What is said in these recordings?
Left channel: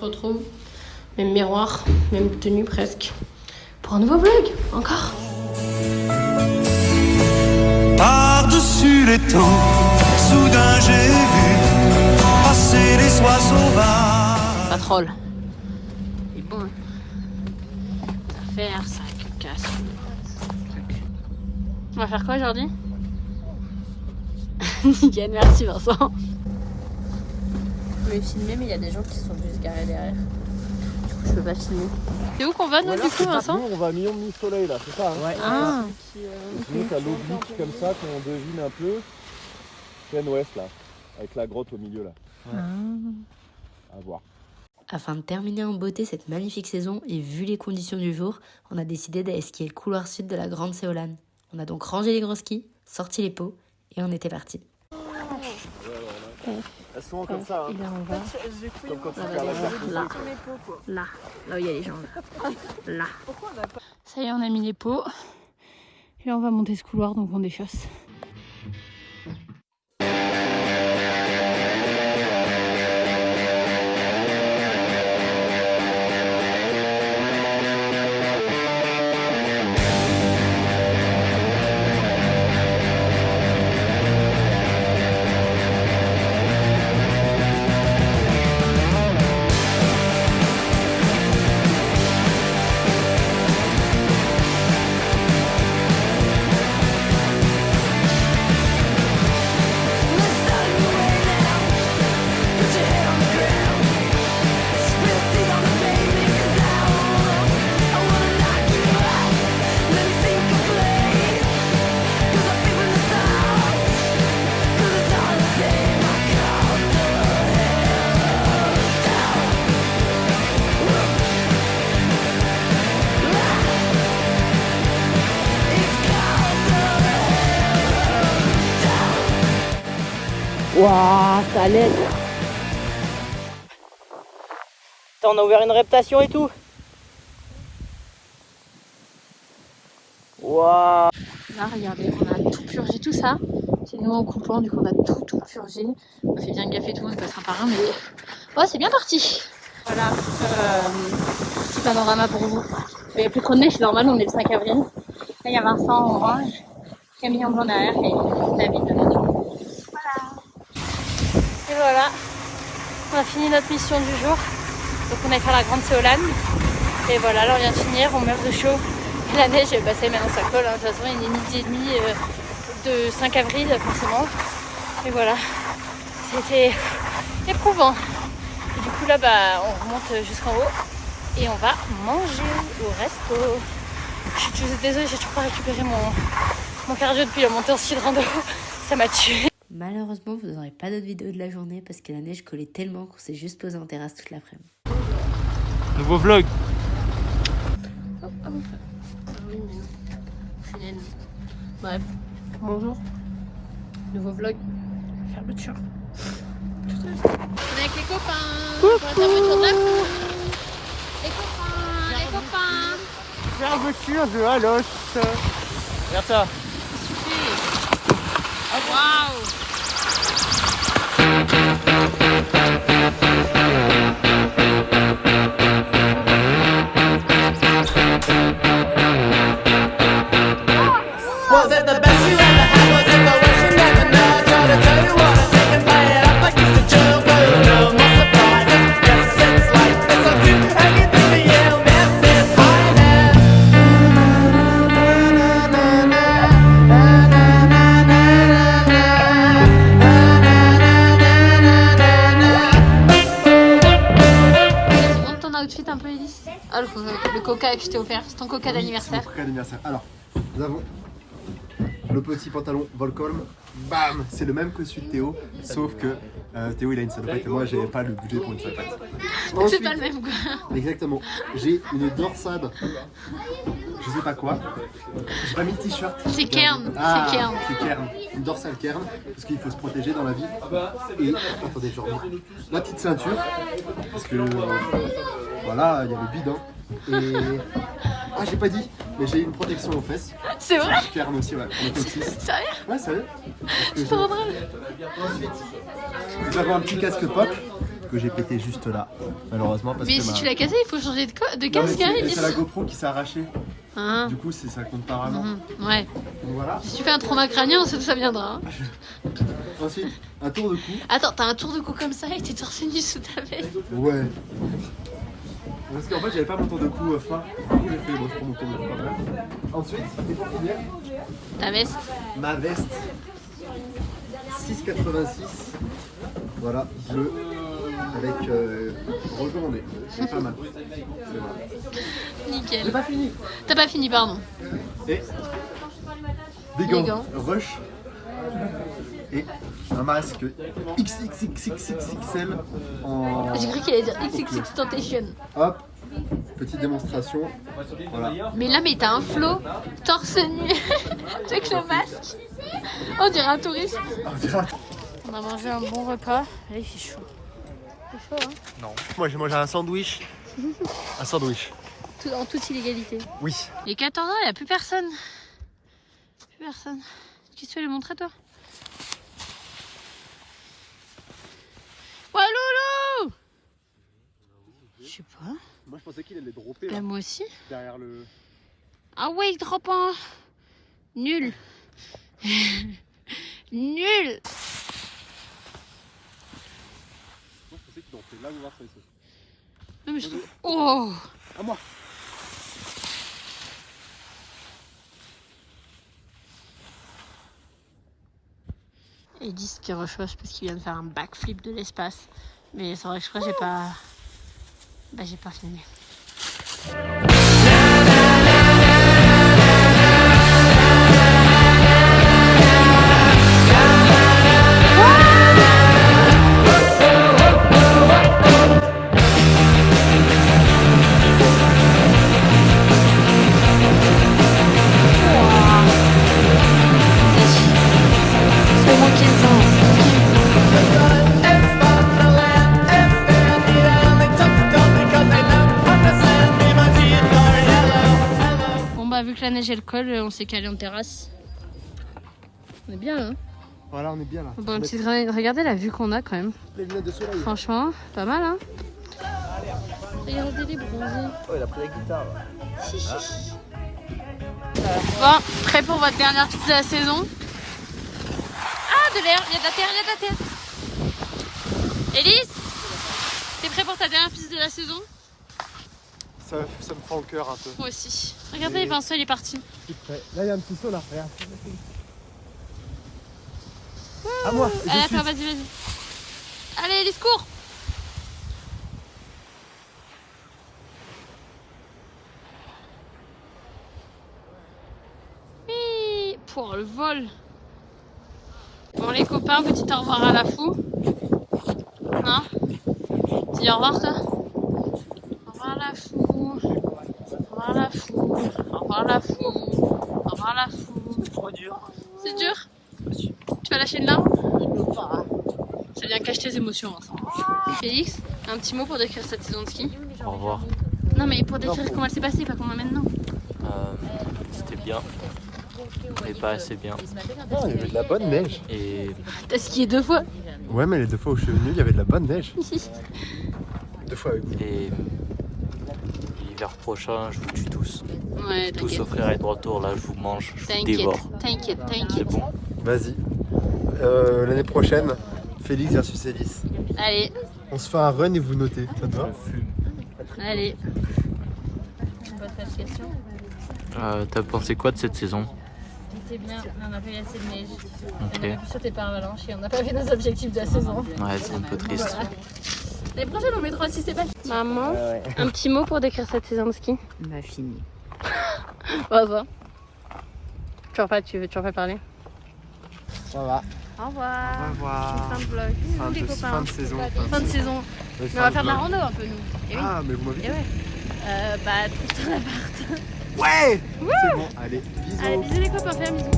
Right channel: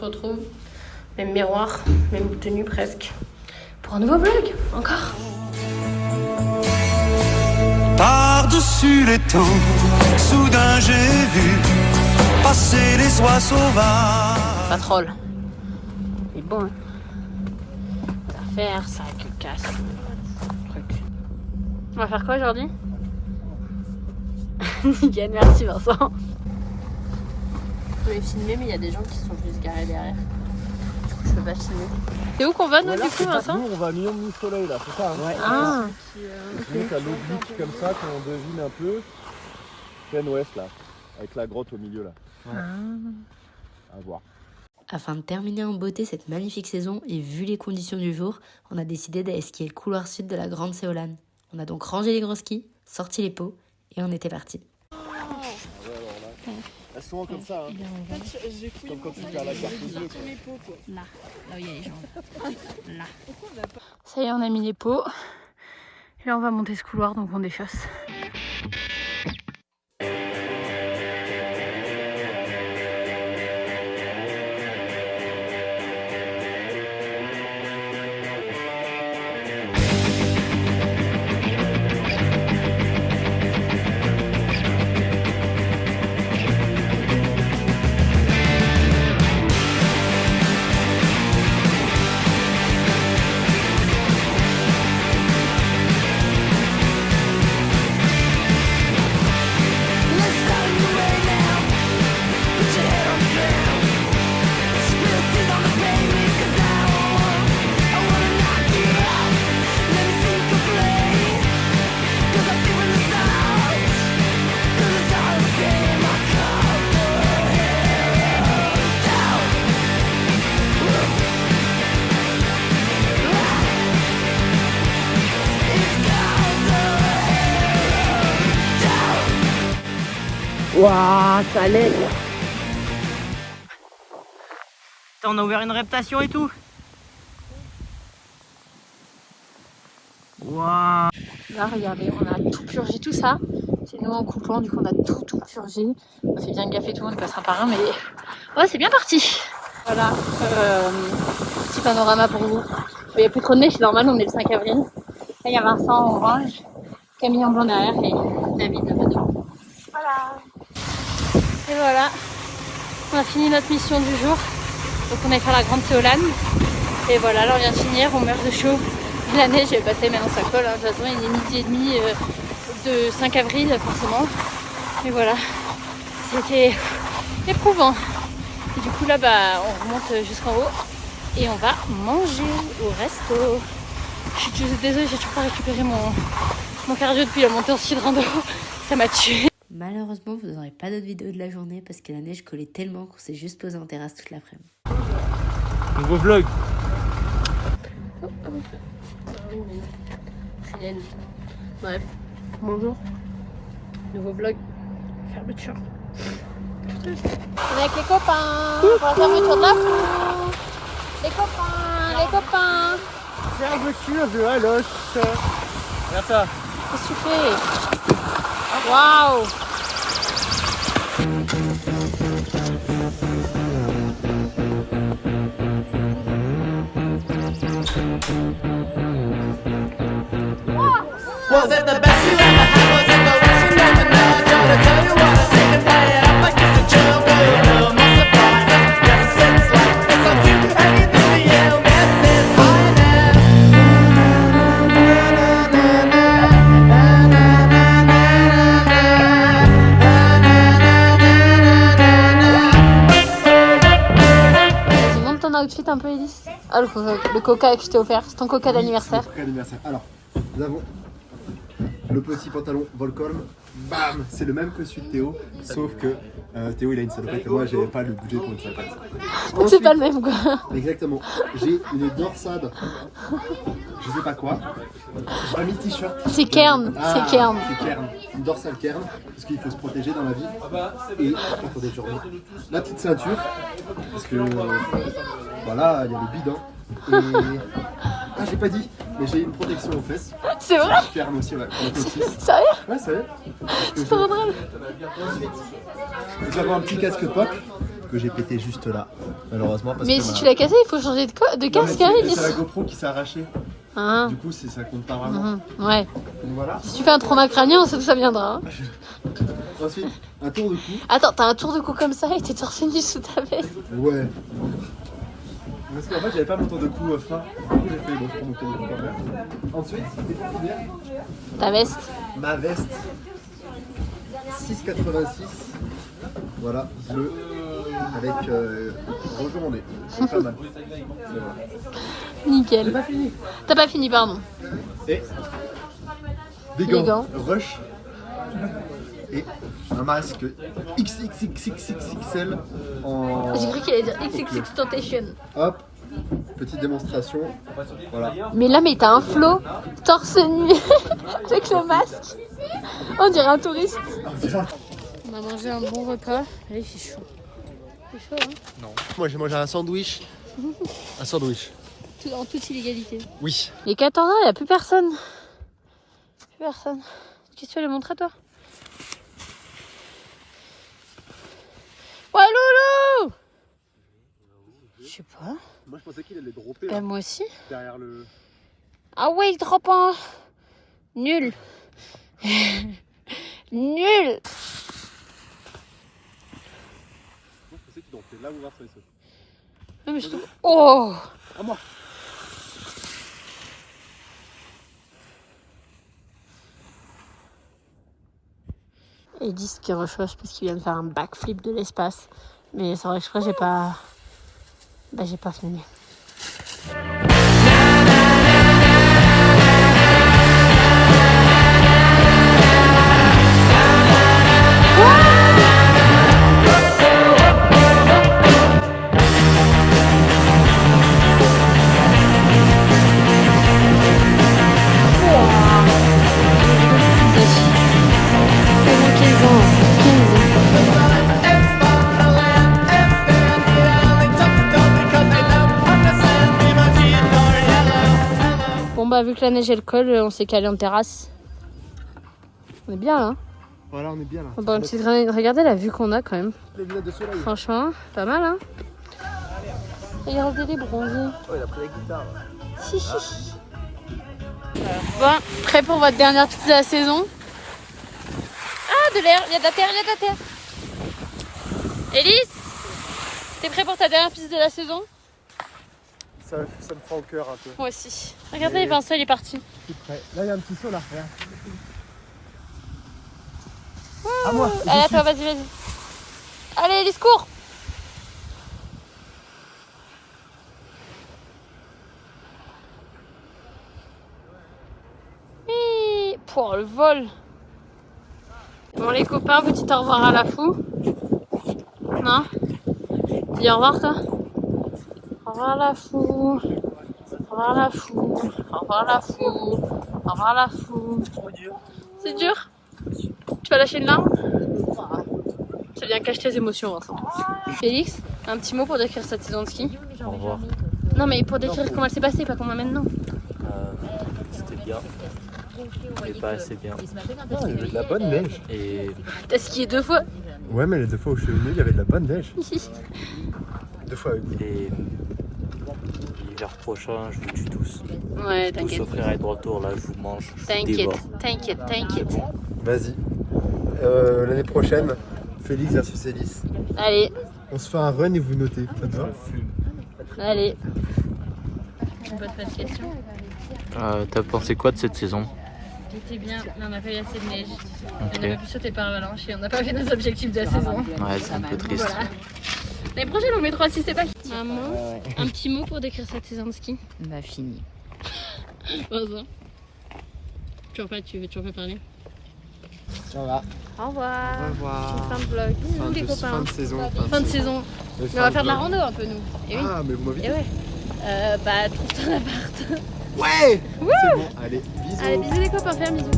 retrouve. Même miroir, même tenue presque. Pour un nouveau vlog, encore. Par-dessus les temps, soudain j'ai vu passer les oies sauvages. Ça troll. C'est bon. Hein. À faire ça, tu casses le truc. On va faire quoi aujourd'hui? Nickel, merci Vincent. Je voulais filmer, mais il y a des gens qui sont juste garés derrière. Du coup, je peux pas filmer. C'est où qu'on va, nous, du coup, Vincent? Nous, on va à Million de Soleil, là, c'est ça hein? Ouais. Ah. Okay. Donc, à l'oblique comme ça, qu'on devine un peu. Plein ouest, là. Avec la grotte au milieu, là. Ouais. Ah. À voir. Afin de terminer en beauté cette magnifique saison et vu les conditions du jour, on a décidé d'aller skier le couloir sud de la Grande Séolane. On a donc rangé les gros skis, sorti les pots et on était parti. Elles sont comme ça. Hein. Et là, on va. Comme quand tu Là où il y a les gens. Là. Ça y est, on a mis les pots. Et là, on va monter ce couloir, donc on déchausse. Waouh, ça l'aide. On a ouvert une réputation et tout. Waouh. Là, regardez, on a tout purgé, tout ça. C'est nous en coupant, du coup, on a tout purgé. On fait bien gaffe et tout, on ne passera par un, mais ouais, c'est bien parti. Voilà, petit panorama pour vous. Il n'y a plus trop de neige, c'est normal, on est le 5 avril. Là, il y a Vincent en orange, Camille en blanc derrière et David devant. Voilà. Et voilà, on a fini notre mission du jour. Donc on est faire la Grande Séolane. Et voilà, là on vient de finir, on meurt de chaud. De la neige, j'ai passé même en sacoche. De toute façon, il est midi et demi de 5 avril, forcément. Et voilà, c'était éprouvant. Et du coup là, on remonte jusqu'en haut et on va manger au resto. Je suis désolée, j'ai toujours pas récupéré mon cardio depuis la montée au cidre d'eau. Ça m'a tué. Malheureusement, vous n'aurez pas d'autres vidéos de la journée parce que la neige collait tellement qu'on s'est juste posé en terrasse toute l'après-midi. Nouveau vlog. Oh, ah bon. Ah oui, mais non. Je suis naine. Bref, bonjour. Nouveau vlog. Fermeture. On est avec les copains pour la fermeture de la cour. Les copains. Fermeture de la loche. Regarde-toi. Qu'est-ce que tu fais? Waouh. Was it the best you ever had? Was it the worst you never know? Gotta tell you what I think and play it up like it's a joke. Oh no, more surprises. Yes, it's like this. I'll do anything for you, Mrs. Highness. Montre ton outfit un peu, Elise. Ah, le coca que je t'ai offert. C'est ton coca d'anniversaire. Coca d'anniversaire. Alors, nous avons le petit pantalon Volcom. Bam, c'est le même que celui de Théo, sauf que Théo il a une salopette et moi j'avais pas le budget pour une salopette. Donc c'est pas le même quoi. Exactement. J'ai une dorsade, je sais pas quoi. J'ai pas mis de t-shirt. C'est Kern, Ah, c'est Kern. C'est Kern, une dorsale Kern, parce qu'il faut se protéger dans la vie. Et attendez, je reviens. La petite ceinture, parce que voilà, il y a le bidon. Et ah, j'ai pas dit, mais j'ai une protection aux fesses. C'est vrai? Kern aussi, ouais. On est comme 6. Sérieux? Ouais, sérieux. C'est trop drôle. Nous avons un petit casque pop que j'ai pété juste là, malheureusement. Parce Mais que si tu l'as cassé, il faut changer de Non, casque, mais Alice. c'est la GoPro qui s'est arrachée. Ah. Du coup, ça compte pas vraiment. Ouais. Donc voilà. Si tu fais un trauma crânien, ça viendra. Hein. Ensuite, un tour de cou. Attends, t'as un tour de cou comme ça et t'es torse nu sous ta veste. Ouais. Parce qu'en fait, j'avais pas mon tour de cou fin. Du coup, j'ai fait bon, je prends mon tour de cou quand même. Ensuite, et pour finir, Ta veste. ma veste 6,86. Voilà, bleu. Avec rouge au nez. C'est pas mal. C'est vrai. Nickel. J'ai pas fini. T'as pas fini, pardon. Et des Les gants, gants. Rush. Et un masque XXXXXL en. J'ai cru qu'il allait dire XXX Tentation. Hop, petite démonstration. Voilà. Mais là, mais t'as un flow torse nu avec le masque. On dirait un touriste. On a mangé un bon repas. Là, il fait chaud. Il fait chaud, hein. Non. Moi j'ai mangé un sandwich. Un sandwich. En toute illégalité. Oui. Il est 14h, il n'y a plus personne. Plus personne. Qu'est-ce que tu veux le montrer, toi? Walloulou! Je sais pas. Moi je pensais qu'il allait dropper Ben, moi aussi. derrière le. Ah ouais, il drop un. Nul. Nul. Je pensais qu'il dropait là ou là, ça. Non, mais je trouve... Oh! Ah moi. Ils disent qu'il rechosse parce qu'il vient de faire un backflip de l'espace. Mais c'est vrai que je crois que j'ai pas... Bah j'ai pas filmé. It's Wonderland, it's been the only typical because they don't understand me, my teeth are yellow. Bon bah vu que la neige elle colle, on s'est calé en terrasse. On est bien là. Voilà, on est bien là. On va une petite... Regardez la vue qu'on a quand même. Les lunettes de soleil. Franchement, pas mal hein. Regardez les bronzés. Oh, il a pris la guitare. Bon, prêt pour votre dernière piste de la saison? Ah, de l'air, il y a de la terre, il y a de la terre. Élise, t'es prêt pour ta dernière piste de la saison? Ça me prend au cœur un peu. Moi aussi. Regardez, Vincent, il est parti. Je suis prêt. Là, il y a un petit saut là. Regarde. À moi. Allez, attends, vas-y, vas-y. Allez, Élise, cours. Oui, pour le vol. Bon, les copains, petit au revoir à la fou. Non? Dis au revoir, toi. Au revoir, la fou. Au revoir, la fou. Au revoir, la fou. Au revoir, la fou. C'est trop dur. C'est dur? Tu vas lâcher une larme? Ça vient cacher tes émotions, Vincent. Félix, un petit mot pour décrire cette saison de ski? Au revoir. Non, mais pour décrire comment elle s'est passée, pas comment maintenant. C'était bien, mais pas assez bien. Non, il y avait de la bonne neige. Et T'as skié 2 fois. Ouais, mais les 2 fois où je suis venu, il y avait de la bonne neige. 2 fois, oui. Et l'hiver prochain, je vous tue tous. Ouais, Tous t'inquiète. sauf frère et de retour, là, je vous mange, je vous dévore. T'inquiète, C'est t'inquiète. bon. Vas-y. L'année prochaine, Félix versus Élise. Allez, On se fait un run et vous notez. Ça te va? allez. On pose pas de questions. T'as pensé quoi de cette saison? C'était bien, mais on n'a pas eu assez de neige. Ok. On a pu sauter par avalanche et on n'a pas fait nos objectifs de la saison. Ouais, c'est un peu triste. Voilà. L'année prochaine, on met 3-6, c'est pas. Maman, un petit mot pour décrire cette saison de ski? Bah fini. Vas-y. Tu veux toujours pas parler? Ça va. Au revoir. Au revoir. Fin de vlog. Bisous, les copains. Fin de saison. Fin de saison. Mais on va faire de la rando un peu, nous. Et oui. Ah, mais vous m'avez Et dit. ouais. Bah, trouve ton appart. Ouais. C'est bon. Allez, bisous. Allez, bisous les copains, fais un bisou.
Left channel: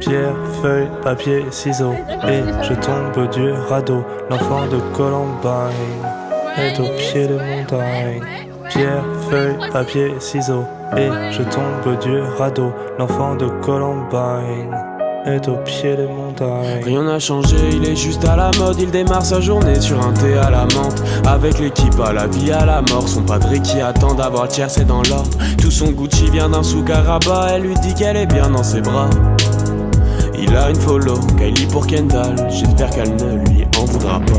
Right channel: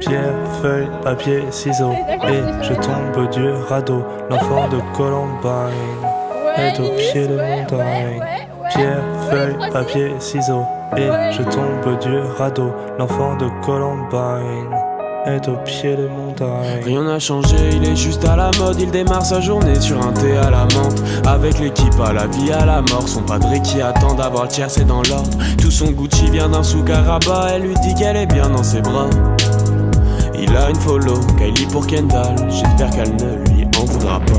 Pierre, feuille, papier, ciseaux. Et je tombe du radeau. L'enfant de Columbine est au pied de montagne. Pierre, feuille, papier, ciseaux. Et je tombe du radeau. L'enfant de Columbine est au pied des montagnes. Rien n'a changé, il est juste à la mode. Il démarre sa journée sur un thé à la menthe. Avec l'équipe à la vie, à la mort. Son padré qui attend d'avoir le tiers, c'est dans l'ordre. Tout son Gucci vient d'un souk à Rabat. Elle lui dit qu'elle est bien dans ses bras. Il a une follow, Kylie pour Kendall. J'espère qu'elle ne lui en voudra pas.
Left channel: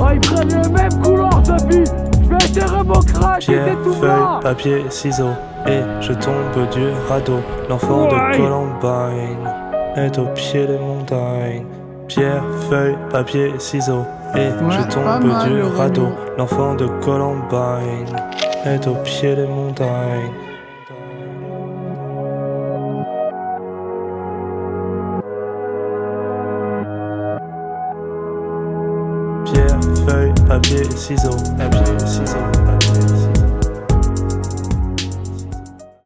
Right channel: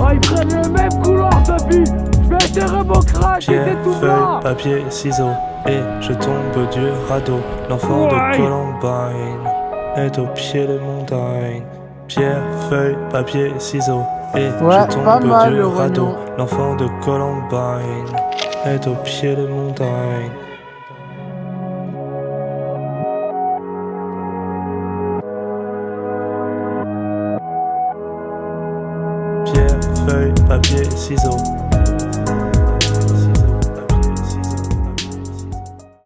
Oh, ils prennent le même couloir, Sophie. Je vais être démocrate, Pierre, c'était tout feuille, blanc. papier, ciseaux, et je tombe du radeau. L'enfant de Columbine est au pied des montagnes. Pierre, feuille, papier, ciseaux, et je tombe du radeau. L'enfant de Columbine est au pied des montagnes. Pierre, feuille, papier, ciseaux.